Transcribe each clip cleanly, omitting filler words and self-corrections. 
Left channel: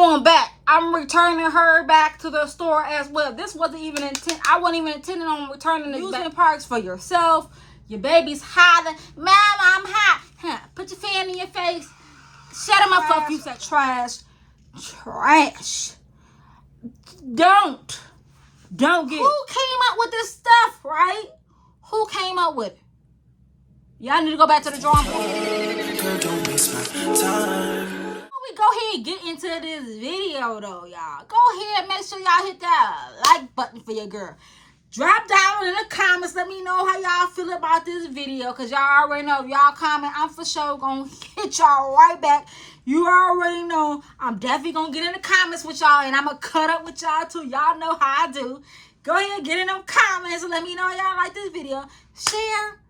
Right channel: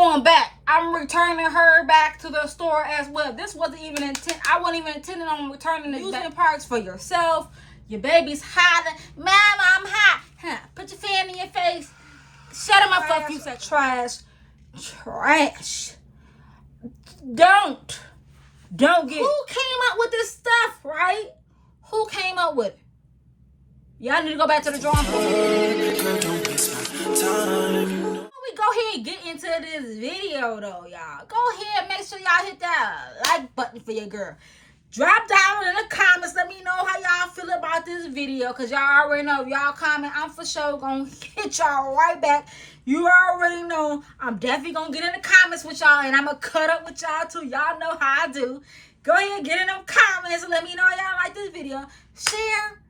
going back. I'm returning her back to the store as well. This wasn't even I wasn't even intending on returning this back. Using parts for yourself. Your baby's hot. Mama, I'm hot. Huh. Put your fan in your face. Shut him up for you said trash. Trash. Don't get it. Who came up with this stuff, right? Who came up with it? Y'all need to go back to the drawing board. Don't waste my time. Before we go ahead and get into this video though, y'all, go ahead and make sure y'all hit that like button for your girl. Drop down in the comments. Let me know how y'all feel about this video. Because y'all already know if y'all comment, I'm for sure going to hit y'all right back. You already know I'm definitely going to get in the comments with y'all. And I'm going to cut up with y'all too. Y'all know how I do. Go ahead and get in them comments and let me know y'all like this video. Share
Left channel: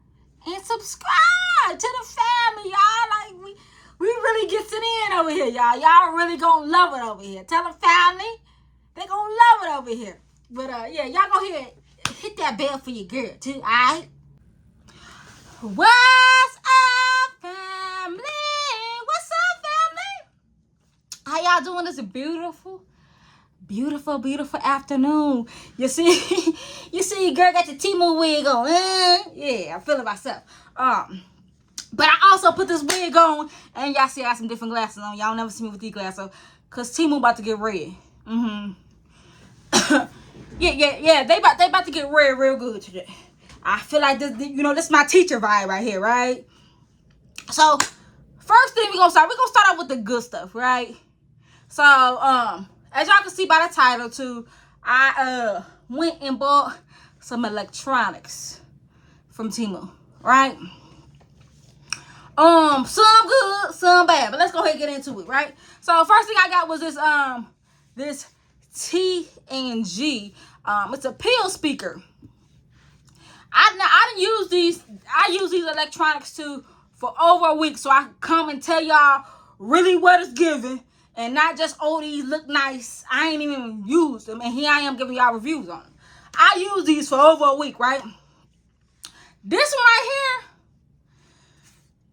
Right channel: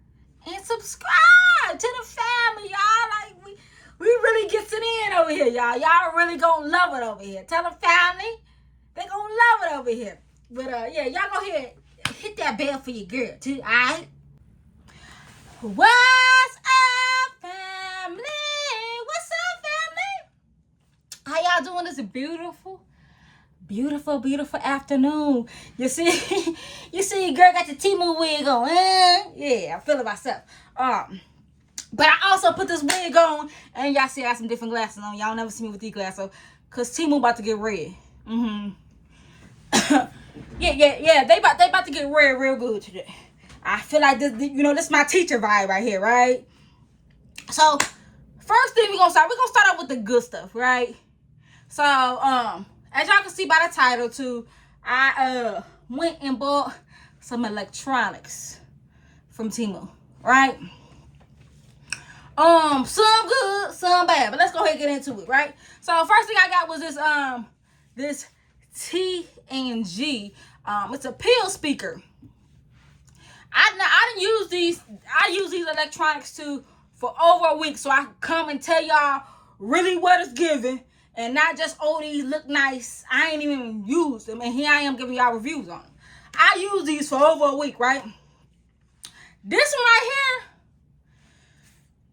and subscribe to the family, y'all. Like, we really gets it in over here, y'all. Y'all really going to love it over here. Tell the family. They going to love it over here. But, yeah, y'all go ahead. Hit that bell for your girl, too, alright? What's up, family? What's up, family? How y'all doing this beautiful, beautiful, beautiful afternoon? You see, your girl got your Temu wig on, Yeah, I'm feeling myself. But I also put this wig on, and y'all see I have some different glasses on. Y'all never see me with these glasses on, because Temu about to get red. Yeah, they about to get red real good today. I feel like this, this is my teacher vibe right here, right? So, first thing we're gonna start off with the good stuff, right? So, as y'all can see by the title too, I went and bought some electronics from Temu, right? Some good, some bad, but let's go ahead and get into it, right? So, first thing I got was this T&G. It's a pill speaker. I didn't use these. I use these electronics too for over a week, so I can come and tell y'all really what it's giving, and not just these look nice. I ain't even used them, and here I am giving y'all reviews on them. I use these for over a week, right? This one right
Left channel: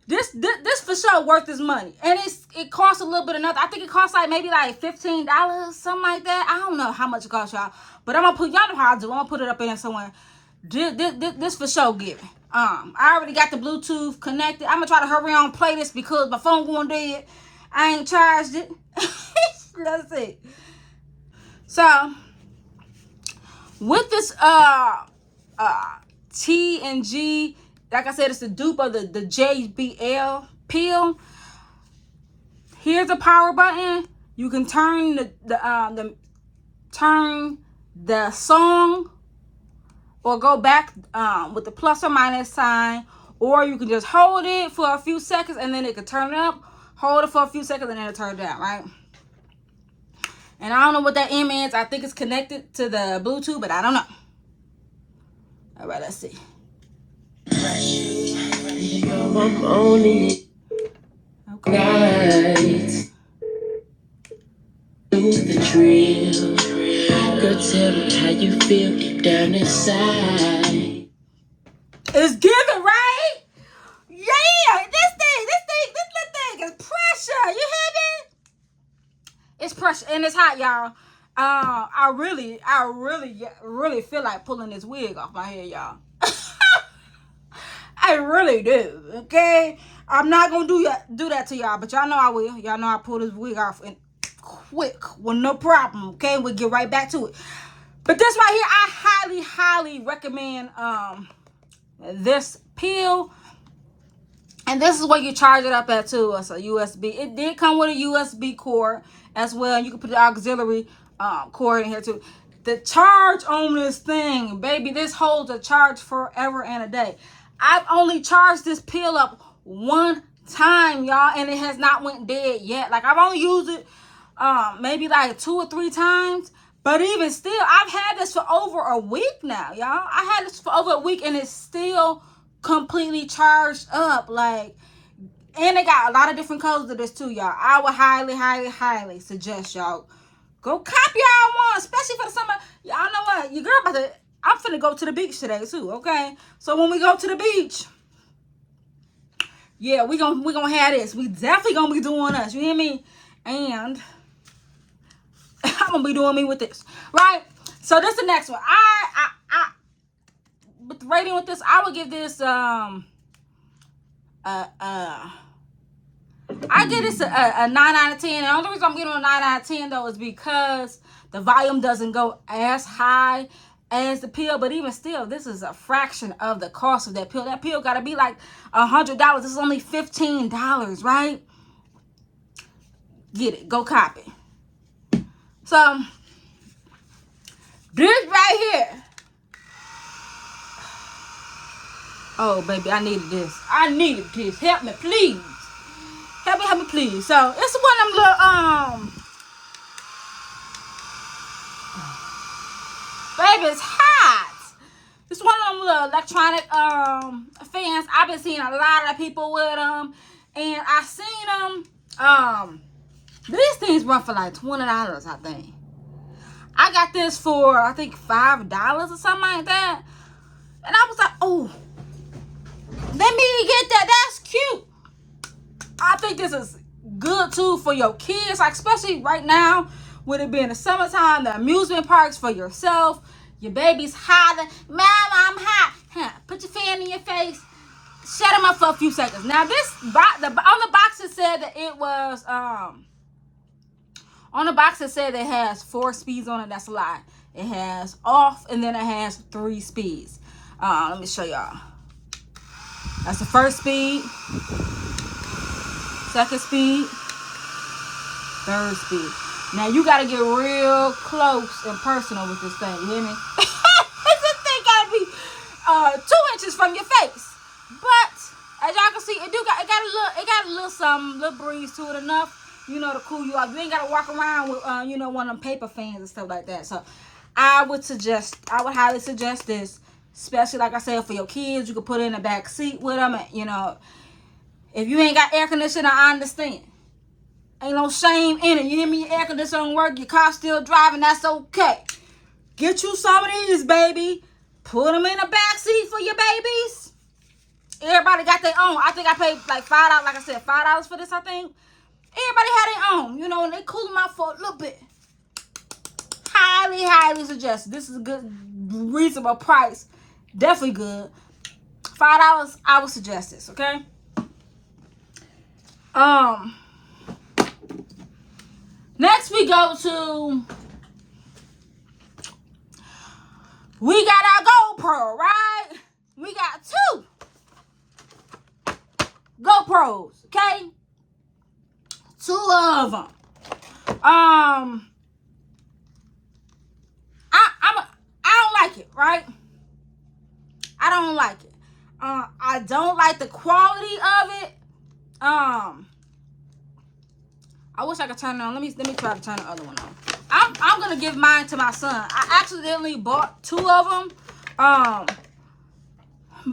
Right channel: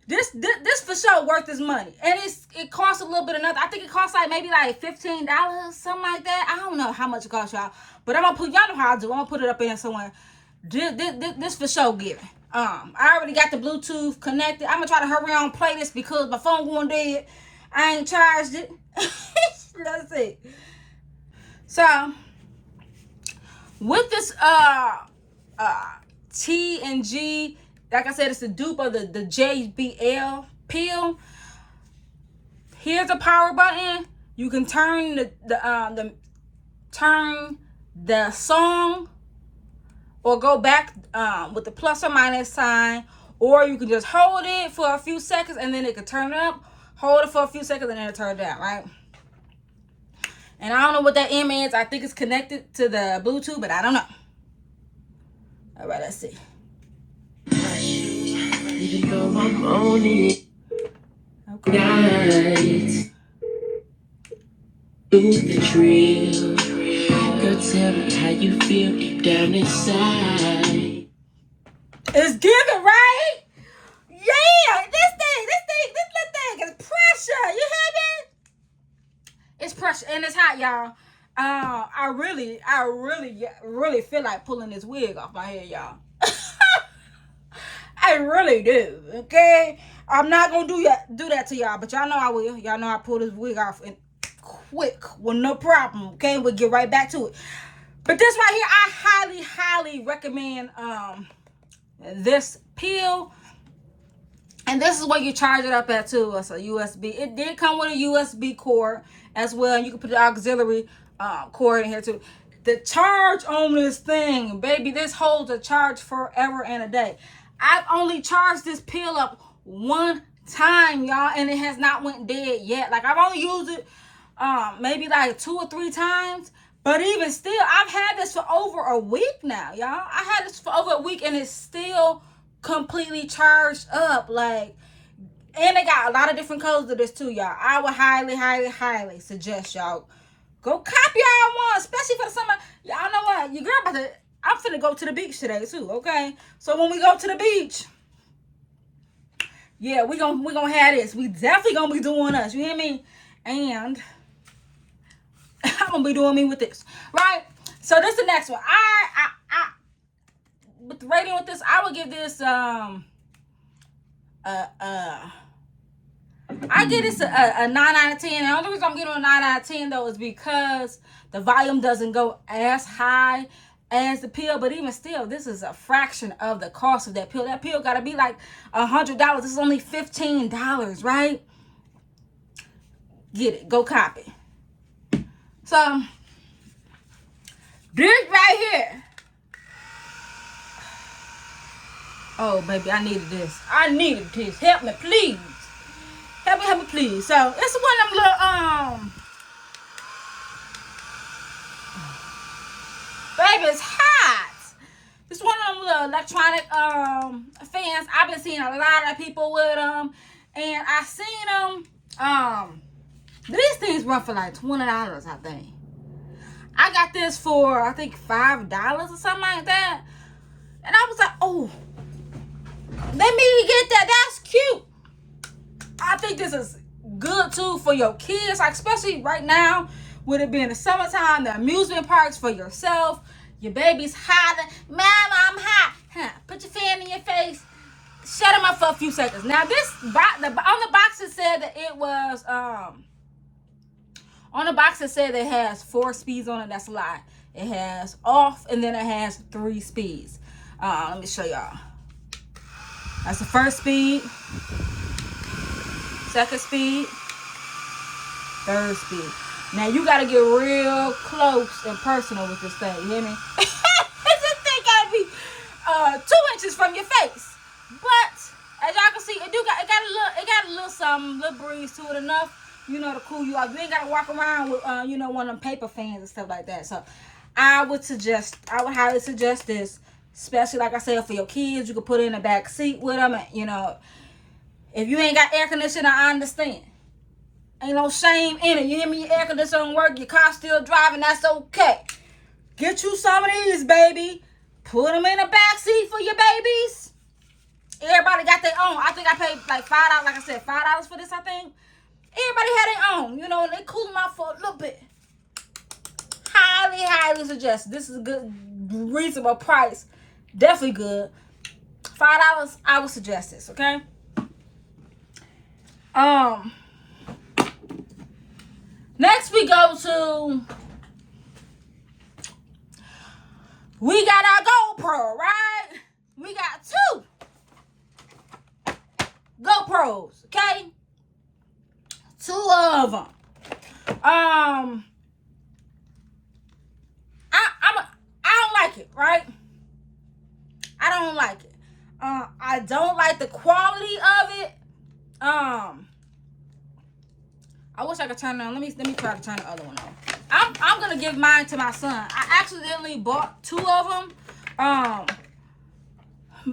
here, this for sure worth its money, and it costs a little bit of nothing. I think it costs like maybe like $15, something like that. I don't know how much it costs y'all, but I'm gonna put y'all know how I do. I'm gonna put it up in somewhere. This for sure giving. I already got the Bluetooth connected. I'm gonna try to hurry on and play this because my phone going dead. I ain't charged it. Let's see. So with this T&G, like I said, it's the dupe of the JBL pill. Here's the power button. You can turn the song or go back with the plus or minus sign, or you can just hold it for a few seconds and then it can turn it up. Hold it for a few seconds and then it turn it down, right? And I don't know what that M is. I think it's connected to the Bluetooth, but I don't know. All right, let's see. Okay. Do the drill. Go tell me how you feel deep down inside. It's giving, right? Yeah, this little thing is pressure. You hear me? It's pressure and it's hot, y'all. I really feel like pulling this wig off my head, y'all. I really do. Okay, I'm not gonna do that to y'all, but y'all know I will. Y'all know I pull this wig off and quick with no problem. Okay, we'll get right back to it. But this right here, I highly recommend this pill. And this is where you charge it up at too. It's a USB. It did come with a USB cord as well. And you can put the auxiliary cord in here too. The charge on this thing, baby, this holds a charge forever and a day. I've only charged this pill up one time, y'all, and it has not went dead yet. Like, I've only used it maybe like 2 or 3 times. But even still, I've had this for over a week now, y'all. I had this for over a week and it's still completely charged up. Like, and they got a lot of different colors of this too, y'all. I would highly suggest y'all go cop y'all one, especially for the summer. Y'all know what? Your girl I'm finna go to the beach today too, okay? So when we go to the beach, yeah, we gonna have this. We definitely gonna be doing us, you hear me? And not gonna be doing me with this, right? So this is the next one. I with the rating with this, I would give this I give this a 9 out of 10. And the only reason I'm giving it a 9 out of 10 though is because the volume doesn't go as high as the pill, but even still, this is a fraction of the cost of that pill. That pill gotta be like $100. This is only $15, right? Get it, go copy. So this right here. Oh baby, I needed this. I needed this. Help me, please. Help me, please. So it's one of them little baby, it's hot. It's one of them little electronic fans. I've been seeing a lot of people with them, and I seen them. These things run for like $20, I think. I got this for I think $5 or something like that, and I was like, oh, let me get that. That's cute. I think this is good too for your kids, like especially right now with it being the summertime, the amusement parks for yourself. Your baby's hot. Mom, I'm hot. Huh. Put your fan in your face. Shut him up for a few seconds. Now this on the box it said that it was on the box it said it has 4 speeds on it. That's a lie. It has off and then it has 3 speeds. Let me show y'all. That's the first speed, second speed, third speed. Now you gotta get real close and personal with this thing. You hear me? This thing gotta be 2 inches from your face. But as y'all can see, it got a little something, little breeze to it, enough, you know, to cool you off. You ain't gotta walk around with you know, one of them paper fans and stuff like that. So I would highly suggest this, especially like I said for your kids. You could put it in the back seat with them, and, you know, if you ain't got air conditioning, I understand. Ain't no shame in it. You hear me? Your air conditioner don't work, your car still driving, that's okay. Get you some of these, baby. Put them in the back seat for your babies. Everybody got their own. I think I paid like $5, like I said, $5 for this, I think. Everybody had their own, you know, and they cool them out for a little bit. Highly, highly suggest. This is a good, reasonable price. Definitely good. $5, I would suggest this, okay? Next we go to, we got our GoPro, right? We got 2 GoPros, okay? 2 of them. I don't like it, right? I don't like it. I don't like the quality of it. I wish I could turn it on. Let me try to turn the other one on. I'm gonna give mine to my son. I accidentally bought 2 of them.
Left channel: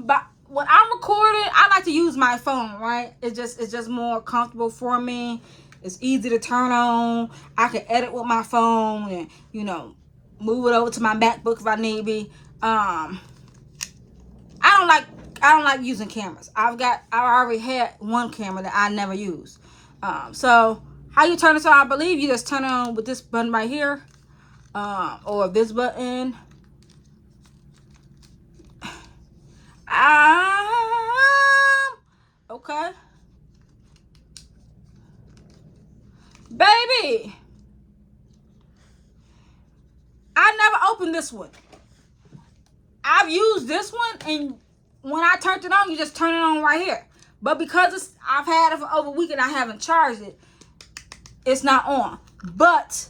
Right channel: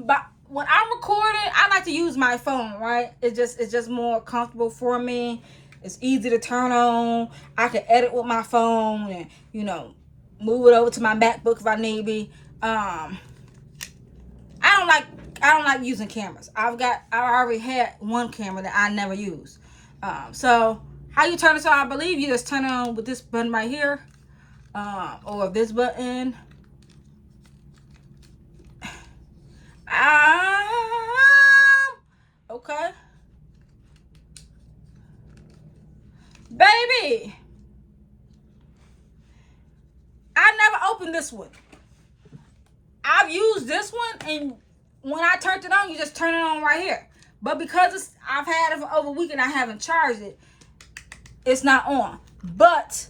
But when I'm recording, I like to use my phone, right? It's just more comfortable for me. It's easy to turn on. I can edit with my phone and, you know, move it over to my MacBook if I need be. I don't like using cameras. I already had one camera that I never used. So how you turn this on? I believe you just turn it on with this button right here, or this button. Okay, baby. I never opened this one. I've used this one, and when I turned it on, you just turn it on right here. But because I've had it for over a week and I haven't charged it, it's not on. But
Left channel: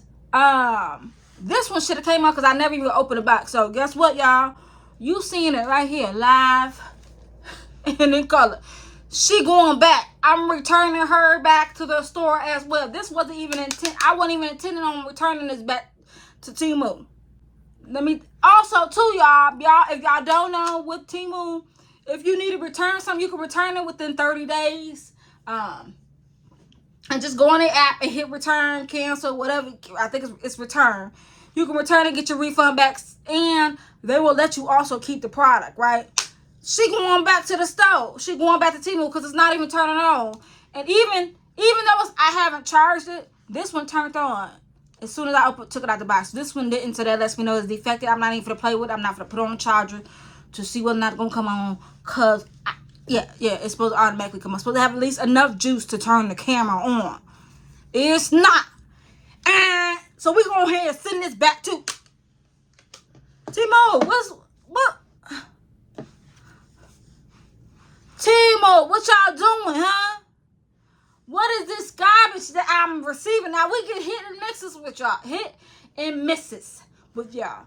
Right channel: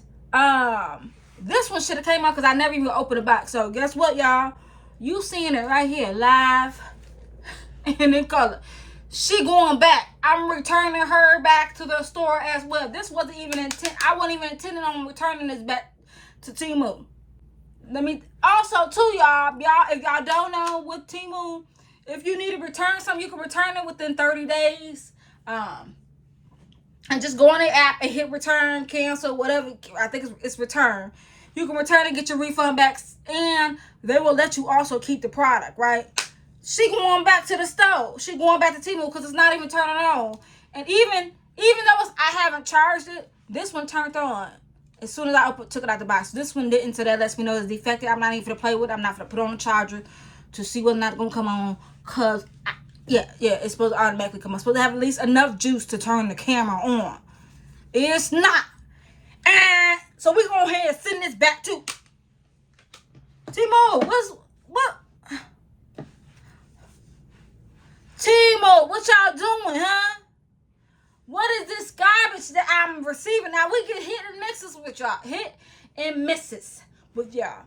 this one should have came out because I never even opened the box. So guess what, y'all? You seeing it right here, live and in color. She going back. I'm returning her back to the store as well. This wasn't even I wasn't even intending on returning this back to Temu. Let me also too, y'all, if y'all don't know, with Temu, if you need to return something, you can return it within 30 days. And just go on the app and hit return, cancel, whatever. I think it's return. You can return and get your refund back, and they will let you also keep the product, right? She going back to the store. She going back to Temu because it's not even turning on. And even though I haven't charged it, this one turned on. as soon as I took it out the box. This one didn't, so that lets me know it's defective. I'm not even gonna play with it. I'm not gonna put it on the charger to see whether or not it's gonna come on. Cause yeah, it's supposed to automatically come on. It's supposed to have at least enough juice to turn the camera on. It's not. And so we're gonna go ahead and send this back to Temu. What? Temu, what y'all doing, huh? What is this garbage that I'm receiving? Now we get hit and misses with y'all. Hit and misses with y'all.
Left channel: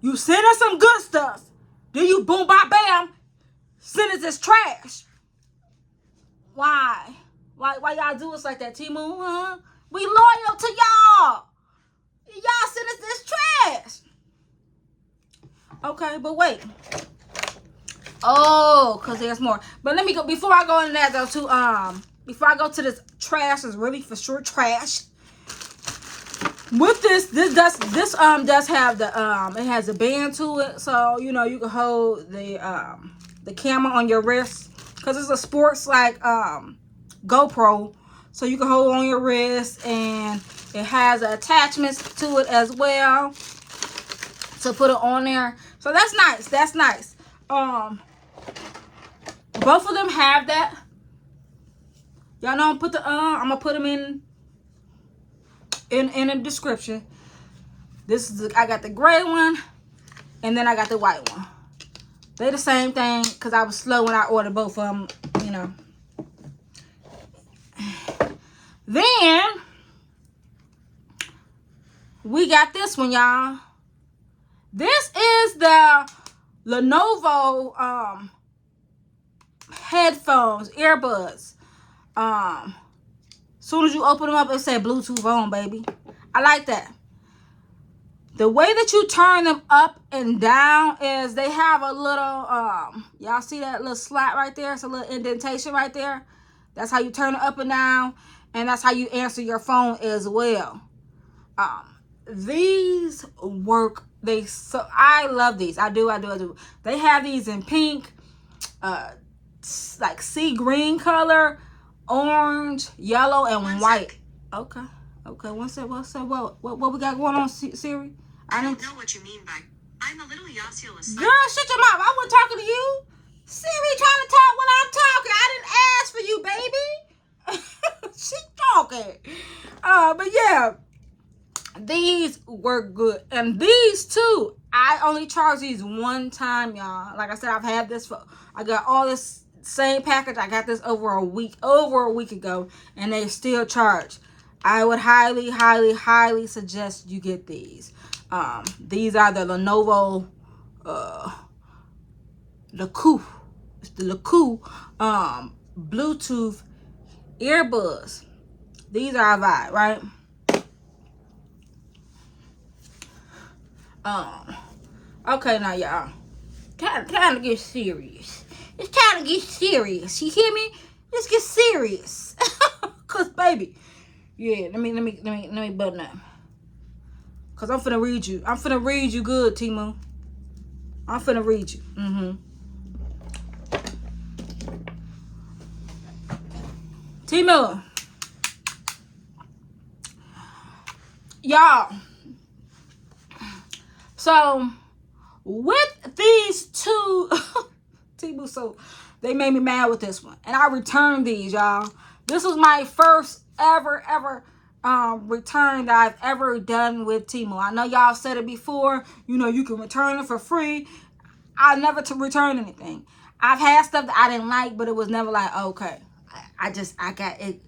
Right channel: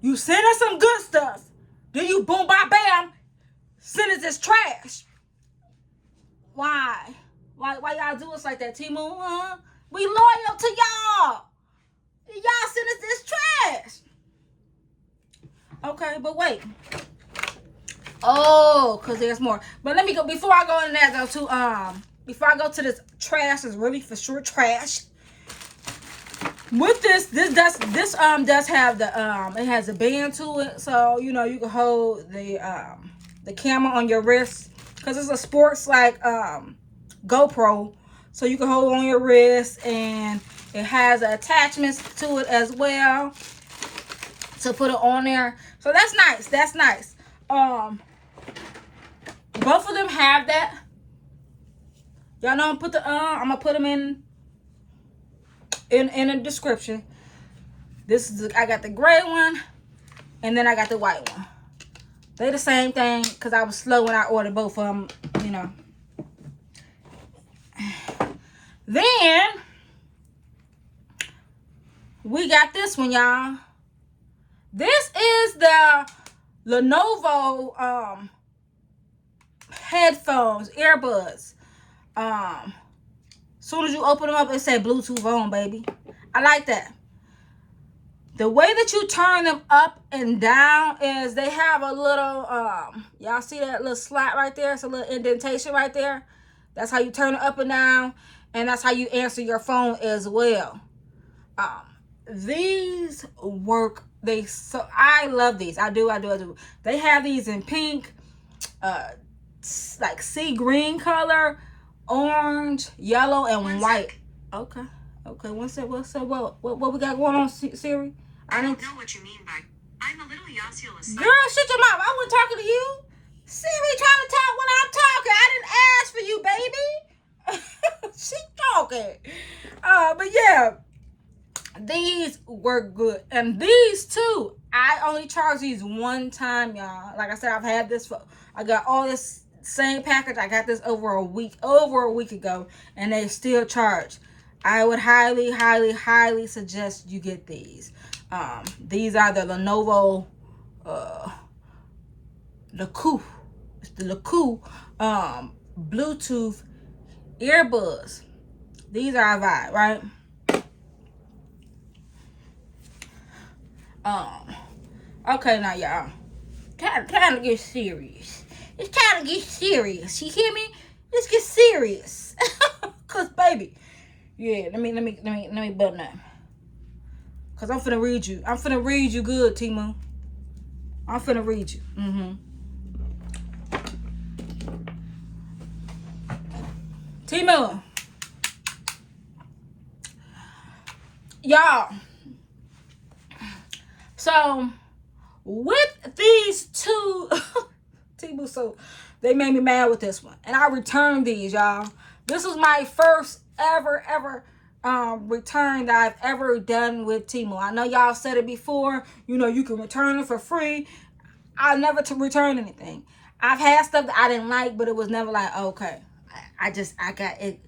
You send us some good stuff. Then you boom, bam, bam, send us this trash. Why? Why y'all do us like that, Temu, huh? We loyal to y'all. Y'all send us this trash. Okay, but wait. Oh, because there's more. But let me go, before I go into that though, before I go to this trash, is really for sure trash. With this does have the it has a band to it, so you know you can hold the camera on your wrist, because it's a sports like GoPro, so you can hold it on your wrist, and it has attachments to it as well to put it on there. So that's nice. That's nice. Both of them have that. Y'all know I'm gonna put them in the description. This is I got the gray one, and then I got the white one. They're the same thing, because I was slow when I ordered both of them, you know. Then we got this one, y'all. This is the Lenovo headphones, earbuds. Soon as you open them up, it said Bluetooth on, baby. I like that. The way that you turn them up and down is they have a little y'all see that little slot right there? It's a little indentation right there. That's how you turn it up and down, and that's how you answer your phone as well. These work. I love these. I do. They have these in pink, like sea green color, orange, yellow, and white. Okay. What's that? What we got going on, Siri? I don't know what you mean by I'm a little osseous. Girl, shut your mouth. I wasn't talking to you. Siri kind of talk when I'm talking. I didn't ask for you, baby. She's talking. But yeah. These work good, and these too. I only charge these one time, y'all. Like I said, I've had this for. I got all this same package. I got this over a week ago, and they still charge. I would highly suggest you get these. These are the Lenovo, Leku. It's the Leku, Bluetooth earbuds. These are a vibe, right? Okay, now y'all, kind of get serious. It's kind of get serious. You hear me? Let's get serious. Cause baby, yeah. Let me button that. Cause I'm finna read you. I'm finna read you good, Temu. I'm finna read you. Temu, y'all. So with these two, Temu, so they made me mad with this one, and I returned these, y'all. This was my first ever return that I've ever done with Temu. I know y'all said it before. You know you can return it for free. I never return anything. I've had stuff that I didn't like, but it was never like, okay, I got it.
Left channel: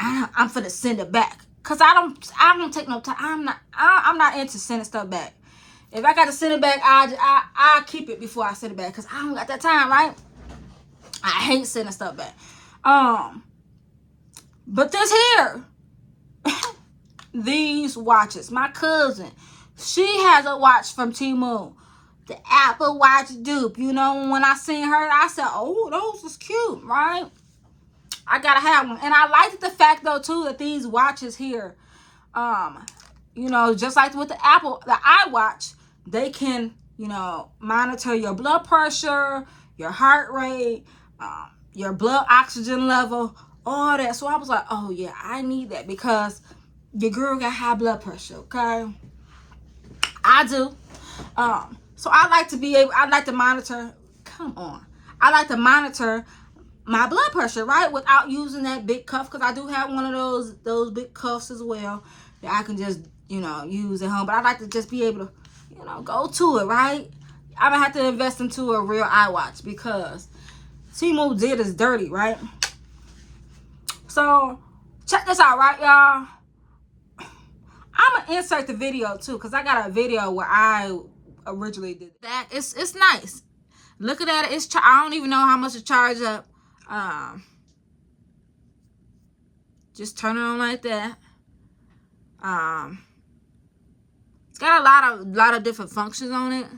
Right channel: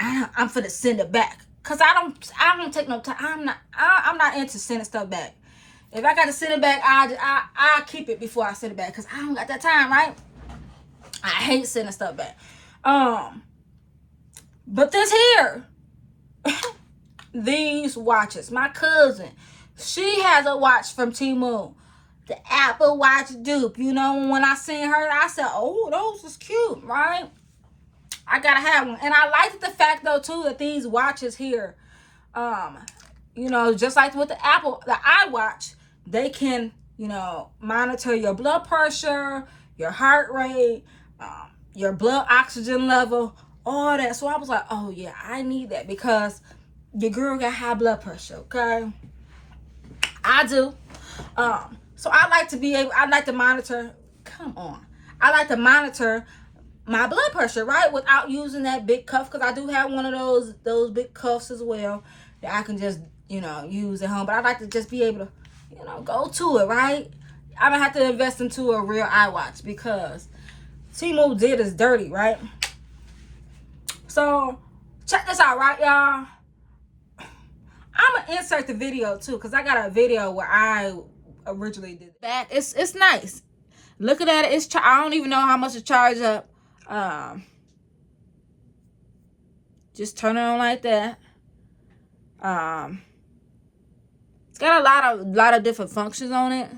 I'm finna send it back, cause I don't take no time. I'm not into sending stuff back. If I got to send it back, I'll keep it before I send it back, because I don't got that time, right? I hate sending stuff back. But this here, these watches. My cousin, she has a watch from Temu. The Apple Watch dupe. You know, when I seen her, I said, oh, those was cute, right? I got to have one. And I liked the fact, though, too, that these watches here, you know, just like with the iWatch, they can, you know, monitor your blood pressure, your heart rate, your blood oxygen level, all that. So I was like, oh yeah, I need that, because your girl got high blood pressure, okay? I do. So I like to monitor, come on. I like to monitor my blood pressure, right? Without using that big cuff, because I do have one of those big cuffs as well that I can just, use at home. But I like to just be able to, go to it, right? I'm gonna have to invest into a real iWatch because Temu did is dirty, right? So check this out, right, y'all? I'm gonna insert the video too, because I got a video where I originally did that. It's nice. Looking at it, I don't even know how much to charge up. Just turn it on like that. It's got a lot of different functions on it.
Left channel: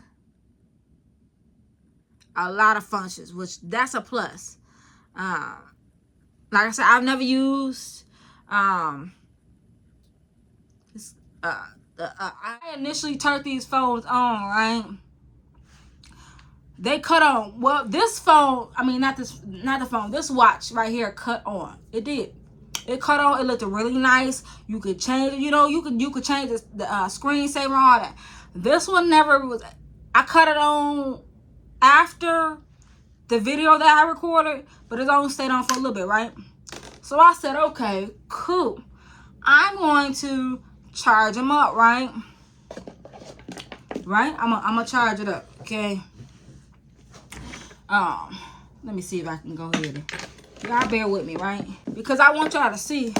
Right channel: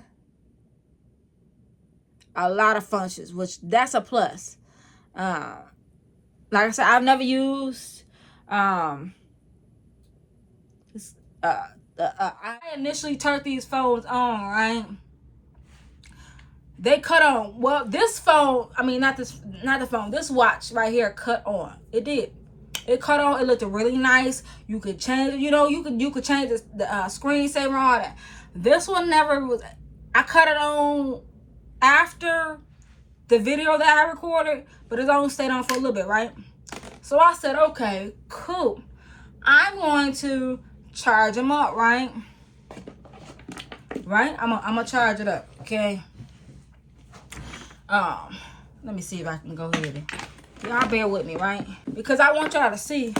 A lot of functions, which that's a plus. Like I said, I've never used I initially turned these phones on, right? They cut on. Well, this phone, I mean, not the phone, this watch right here cut on. It did. It cut on. It looked really nice. You could change, you could change the screensaver and all that. This one never was. I cut it on after the video that I recorded, but it only stayed on for a little bit, right? So I said, okay, cool. I'm going to charge them up, right? Right? I'm gonna charge it up, okay? Let me see if I can go ahead. Y'all bear with me, right? Because I want y'all to see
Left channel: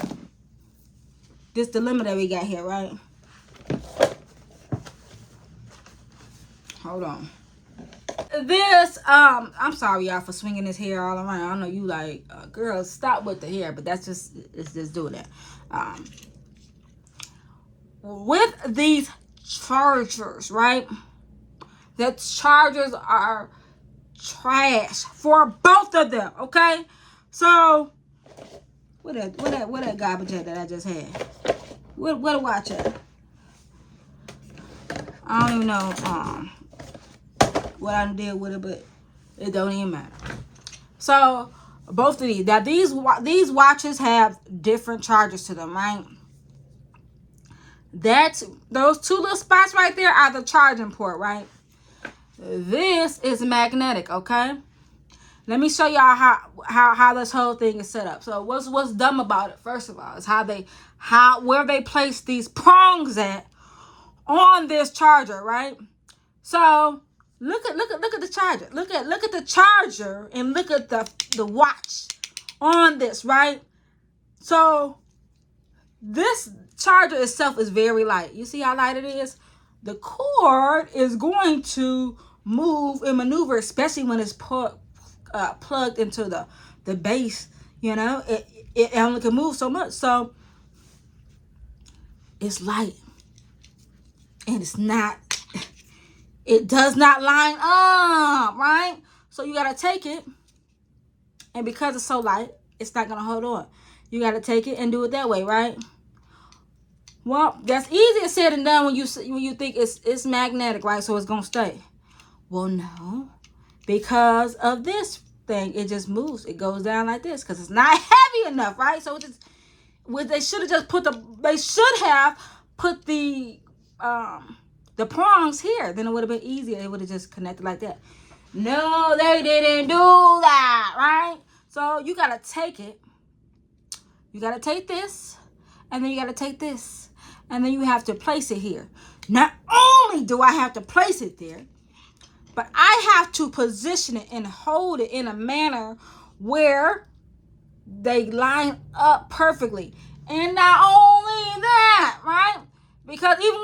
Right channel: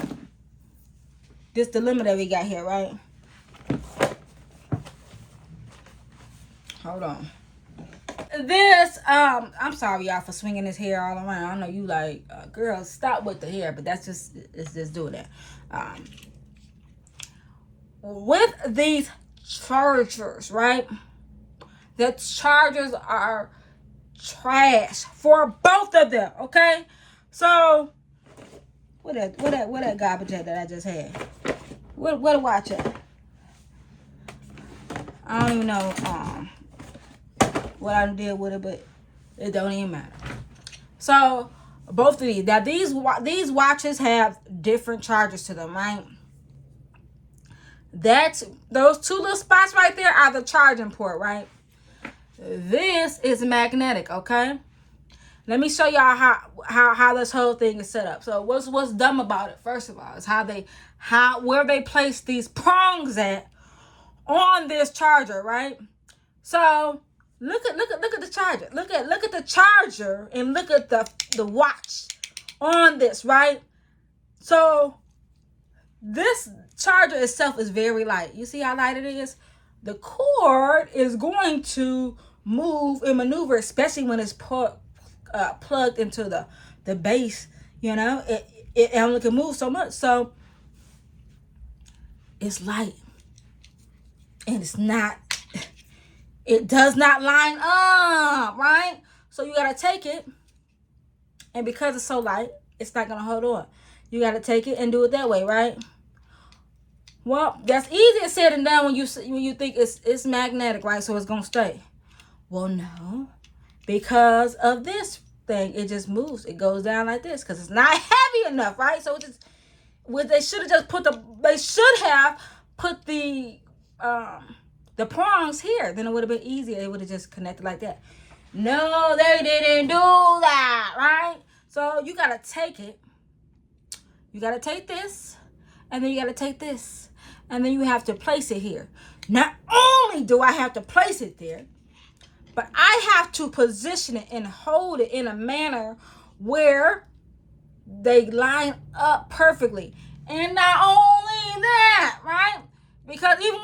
this dilemma that we got here, right? Hold on. This, I'm sorry, y'all, for swinging this hair all around. I know you like, girls, stop with the hair, but it's just doing that. With these chargers, right? The chargers are trash for both of them, okay? So, what that garbage at that I just had? What a watch at? I don't even know what I did with it, but it don't even matter. So, both of these. Now, these watches have different chargers to them, right? Those two little spots right there are the charging port, right? This is magnetic, okay? Let me show y'all how this whole thing is set up. So what's dumb about it, first of all, is where they place these prongs at on this charger, right? So look at the charger. Look at the charger and look at the watch on this, right? So this charger itself is very light. You see how light it is? The cord is going to move and maneuver, especially when it's plugged into the base. It only can move so much. So it's light, and it does not line up, right? So you gotta take it, and because it's so light, it's not gonna hold on. You gotta take it and do it that way, right? Well, that's easier said than done when you think it's magnetic, right? So it's gonna stay. Well, no, because of this thing, it just moves. It goes down like this because it's not heavy enough, right? So they should have put the prongs here. Then it would have been easier. It would have just connected like that. No, they didn't do that, right? So you gotta take it. You gotta take this, and then you gotta take this, and then you have to place it here. Not only do I have to place it there, but I have to position it and hold it in a manner where they line up perfectly. And not only that, right? Because even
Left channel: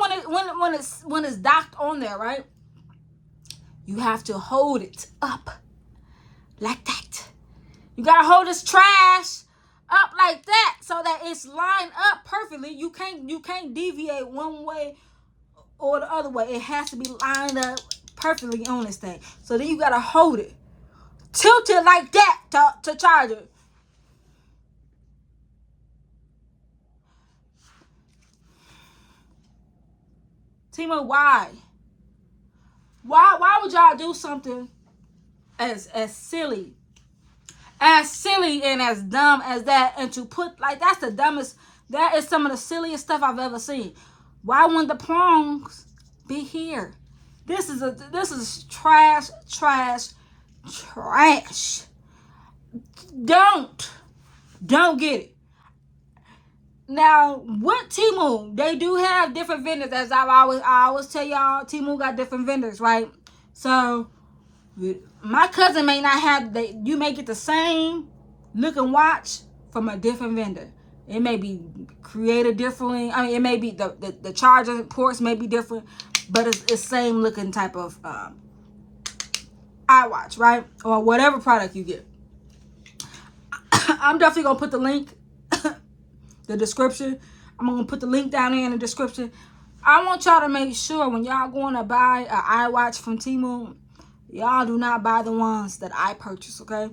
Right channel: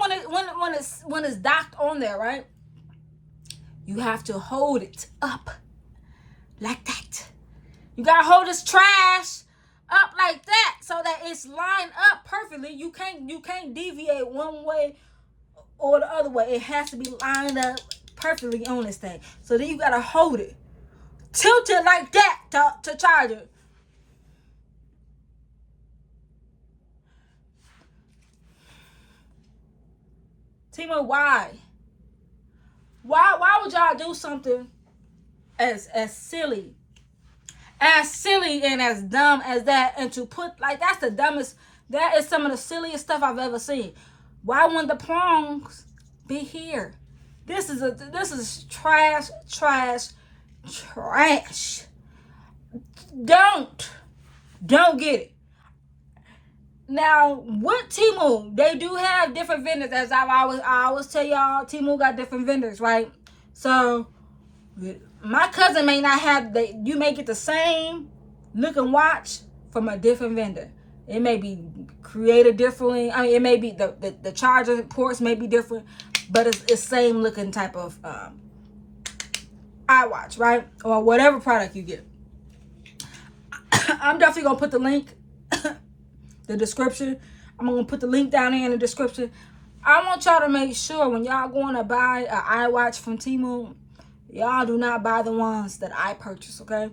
when it's docked on there, right? You have to hold it up like that. You gotta hold this trash up like that so that it's lined up perfectly. You can't deviate one way or the other way. It has to be lined up perfectly on this thing. So then you gotta hold it, tilt it like that to charge it. Temu, why would y'all do something as silly and as dumb as that, and to put, like, that's the dumbest That is some of the silliest stuff I've ever seen. Why wouldn't the prongs be here? This is trash. Don't get it. Now, what Temu, they do have different vendors, as I always tell y'all, Temu got different vendors, right? So, my cousin may not have, you may get the same looking watch from a different vendor. It may be created differently. I mean, it may be, the charger ports may be different, but it's the same looking type of iWatch, right? Or whatever product you get. I'm definitely going to put the link, the description. I'm going to put the link down there in the description. I want y'all to make sure when y'all going to buy an iWatch from Temu, y'all do not buy the ones that I purchase, okay?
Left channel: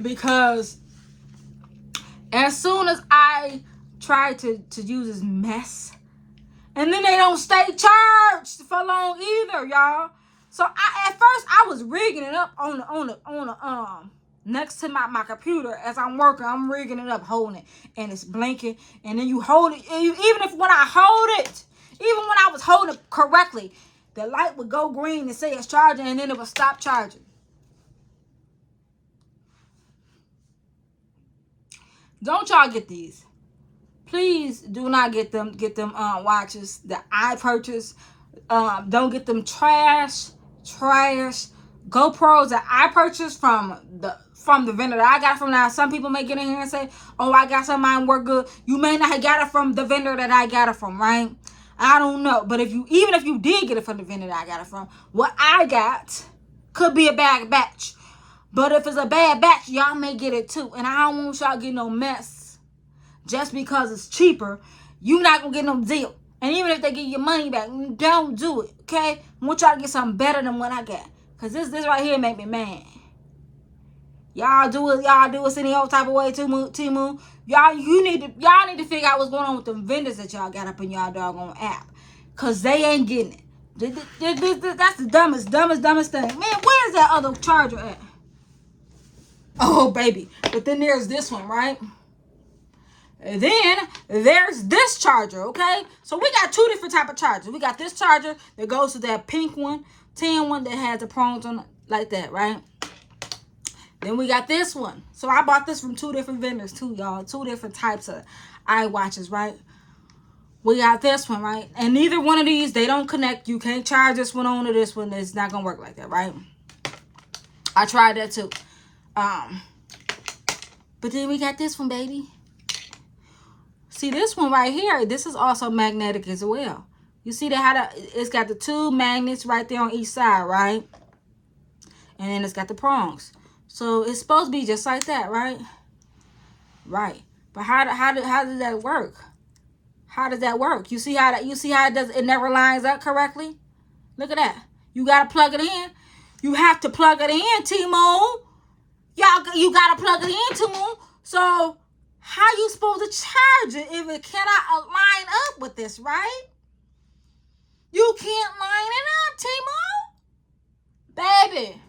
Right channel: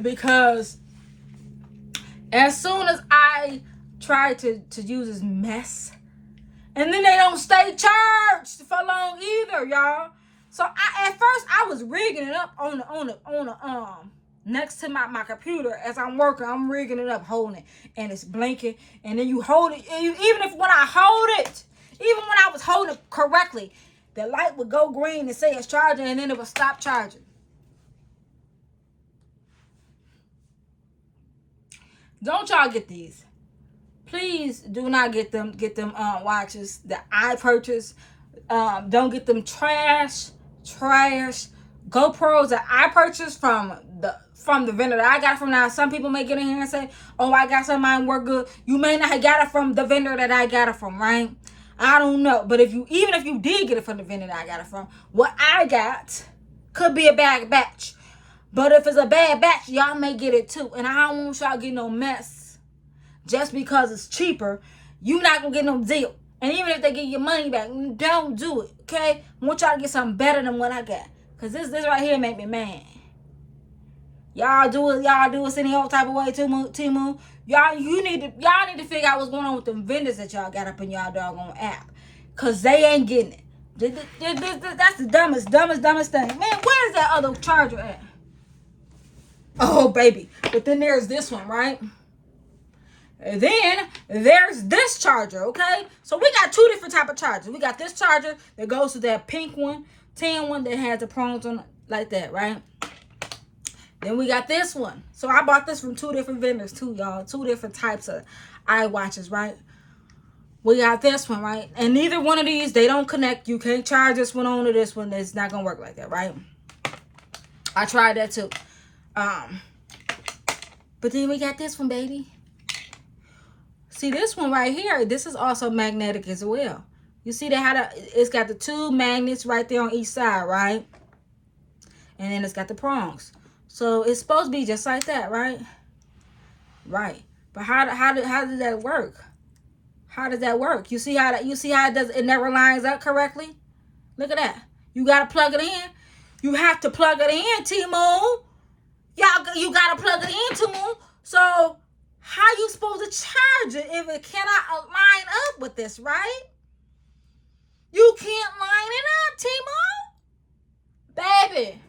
Because as soon as I try to use this mess, and then they don't stay charged for long either, y'all. So at first I was rigging it up on the next to my computer as I'm working. I'm rigging it up, holding it, and it's blinking. And then you hold it, even when I was holding it correctly, the light would go green and say it's charging, and then it would stop charging. Don't y'all get these. Please do not get them watches that I purchased. Don't get them trash GoPros that I purchased from the vendor that I got from. Now, some people may get in here and say, oh, I got some mine work good. You may not have got it from the vendor that I got it from, right? I don't know. But even if you did get it from the vendor that I got it from, what I got could be a bad batch. But if it's a bad batch, y'all may get it too. And I don't want y'all get no mess. Just because it's cheaper, you're not going to get no deal. And even if they give you money back, don't do it, okay? I want y'all to get something better than what I got. Because this right here make me mad. Y'all do it any old type of way, Temu. Y'all need to figure out what's going on with them vendors that y'all got up in y'all doggone app. Because they ain't getting it. That's the dumbest thing. Man, where's that other charger at? Oh, baby. But then there's this one, right? And then there's this charger, okay? So we got two different type of chargers. We got this charger that goes to that pink one, tan one that has the prongs on like that, right? Then we got this one. So I bought this from two different vendors too, y'all. Two different types of iWatches, right? We got this one, right? And neither one of these, they don't connect. You can't charge this one on to this one. It's not going to work like that, right? I tried that too. But then we got this one, baby. See, this one right here, this is also magnetic as well. You see that it's got the two magnets right there on each side, right? And then it's got the prongs. So it's supposed to be just like that, right? Right. But how does that work? How does that work? You see how it never lines up correctly? Look at that. You gotta plug it in. You have to plug it in, Temu. You gotta plug it in, Temu. So how you supposed to charge it if it cannot line up with this, right? You can't line it up, Temu. Baby,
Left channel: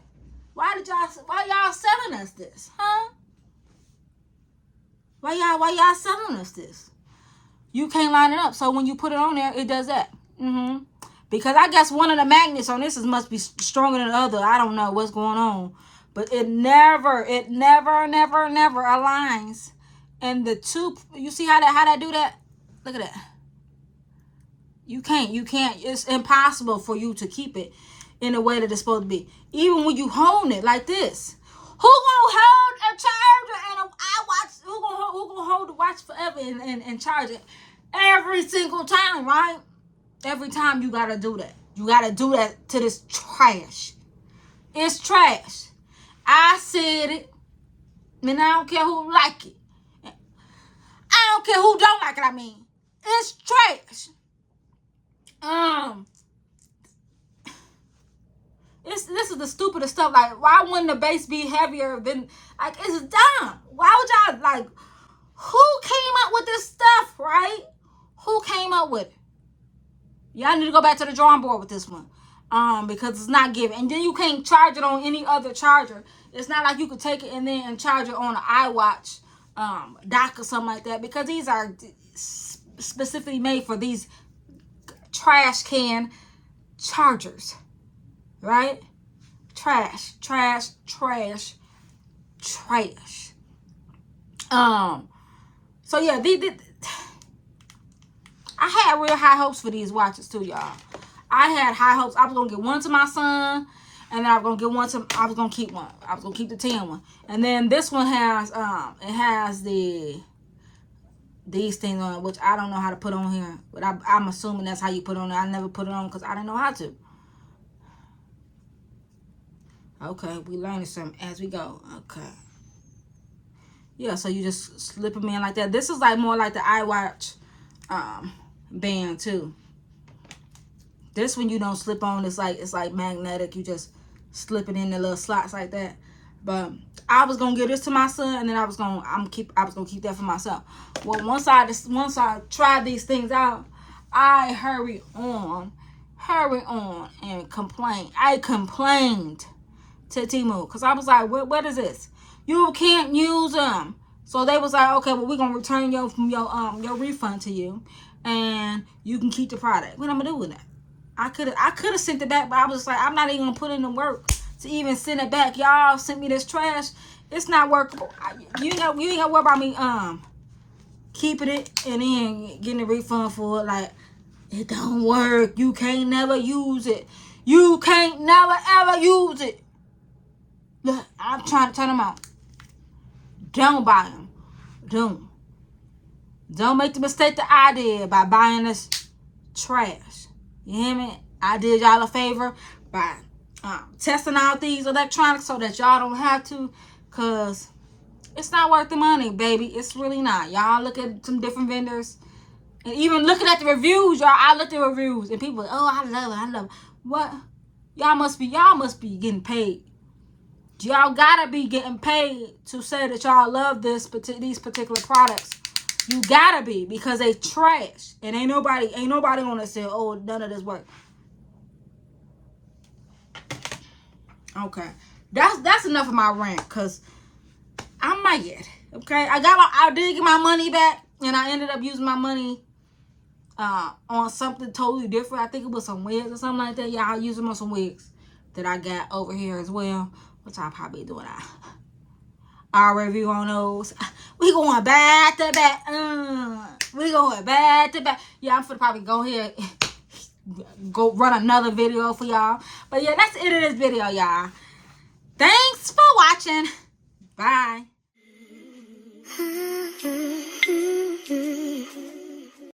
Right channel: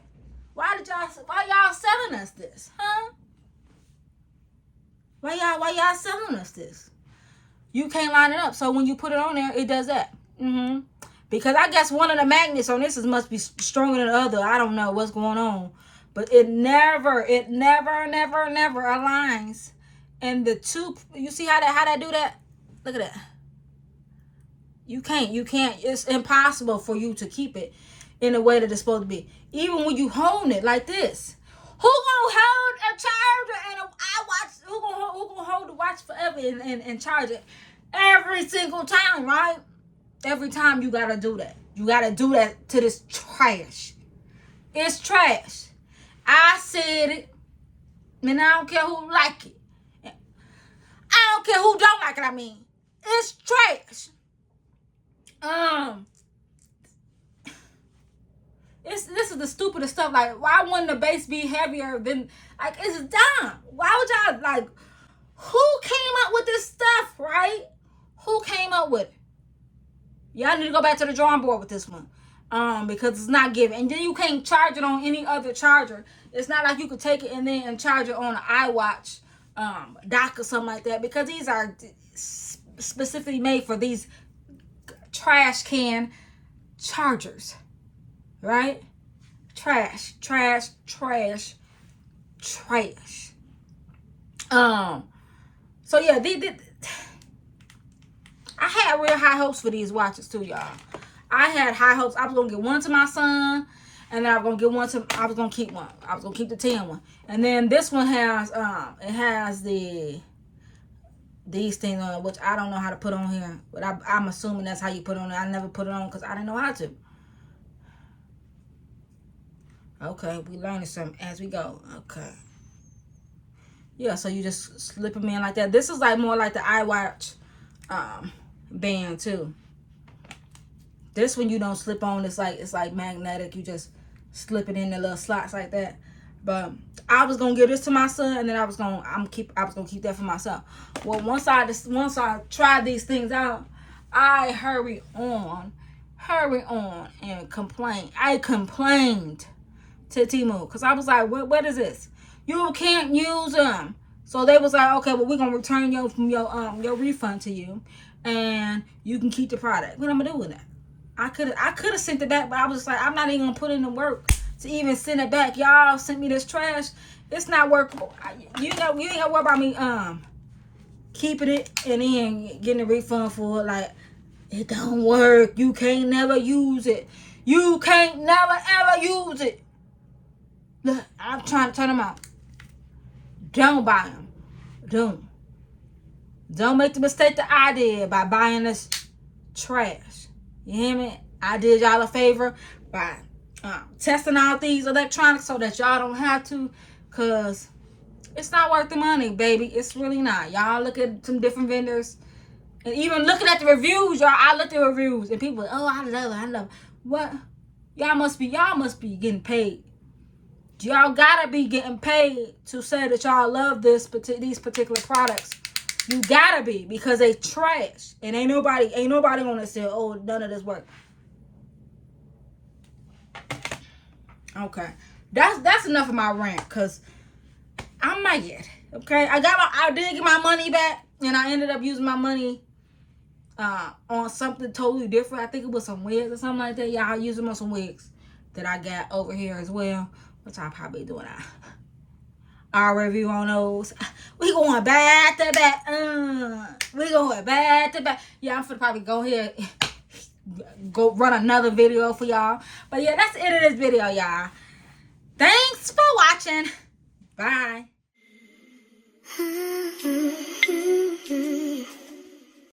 why y'all selling us this, huh? Why y'all selling us this? You can't line it up. So when you put it on there, it does that. Because I guess one of the magnets on this must be stronger than the other. I don't know what's going on. But it never aligns. And the two, you see how that do that? Look at that. You can't. It's impossible for you to keep it in the way that it's supposed to be. Even when you hold it like this. Who gonna hold a charger and a iWatch? Who gonna hold the watch forever and charge it every single time, right? Every time you gotta do that. You gotta do that to this trash. It's trash. I said it. And I don't care who like it. I don't care who don't like it, I mean. It's trash. This is the stupidest stuff. Like, why wouldn't the base be heavier than, like, it's dumb. Why would y'all, like, who came up with this stuff, right? Who came up with it? Y'all need to go back to the drawing board with this one. Because it's not giving. And then you can't charge it on any other charger. It's not like you could take it and charge it on an iWatch dock or something like that, because these are specifically made for these trash can chargers, right? Trash. So yeah, I had real high hopes for these watches too, y'all. I had high hopes. I was gonna get one to my son, and then I was gonna get one to. I was gonna keep one. I was gonna keep the Temu one, and then this one has it has these things on it, which I don't know how to put on here, but I'm assuming that's how you put on it. I never put it on because I didn't know how to. Okay, we learning something as we go. Okay. Yeah, so you just slip them in like that. This is like more like the iWatch band too. This one you don't slip on. It's like magnetic. You just slip it in the little slots like that. But I was gonna give this to my son, and then I was gonna keep that for myself. Well, once I tried these things out, I hurry on and complain. I complained to Temu because I was like, what is this? You can't use them. So they was like, okay, well, we're gonna return your refund to you, and you can keep the product. What am I doing that? I could have sent it back, but I was just like, I'm not even gonna put in the work to even send it back. Y'all sent me this trash. It's not workable. You ain't gotta worry about me keeping it and then getting a refund for it. Like, it don't work. You can't never use it. You can't never ever use it. Look, I'm trying to turn them out. Don't buy them. Don't make the mistake that I did by buying this trash. You hear me? I did y'all a favor by testing out these electronics so that y'all don't have to, because it's not worth the money, baby. It's really not. Y'all look at some different vendors, and even looking at the reviews, y'all. I looked at reviews, and people, oh, I love it. What? Y'all must be getting paid. Y'all gotta be getting paid to say that y'all love these particular products. You gotta be, because they trash, and ain't nobody gonna say, oh, none of this work. Okay, that's enough of my rant, because I'm mad. Okay, I did get my money back, and I ended up using my money on something totally different. I think it was some wigs or something like that. Yeah, I used them on some wigs that I got over here as well, which I'll probably do our review on those. We going back to back. We going back to back. Yeah, I'm finna probably go here, go run another video for y'all. But yeah, that's it of this video, y'all. Thanks for watching. Bye.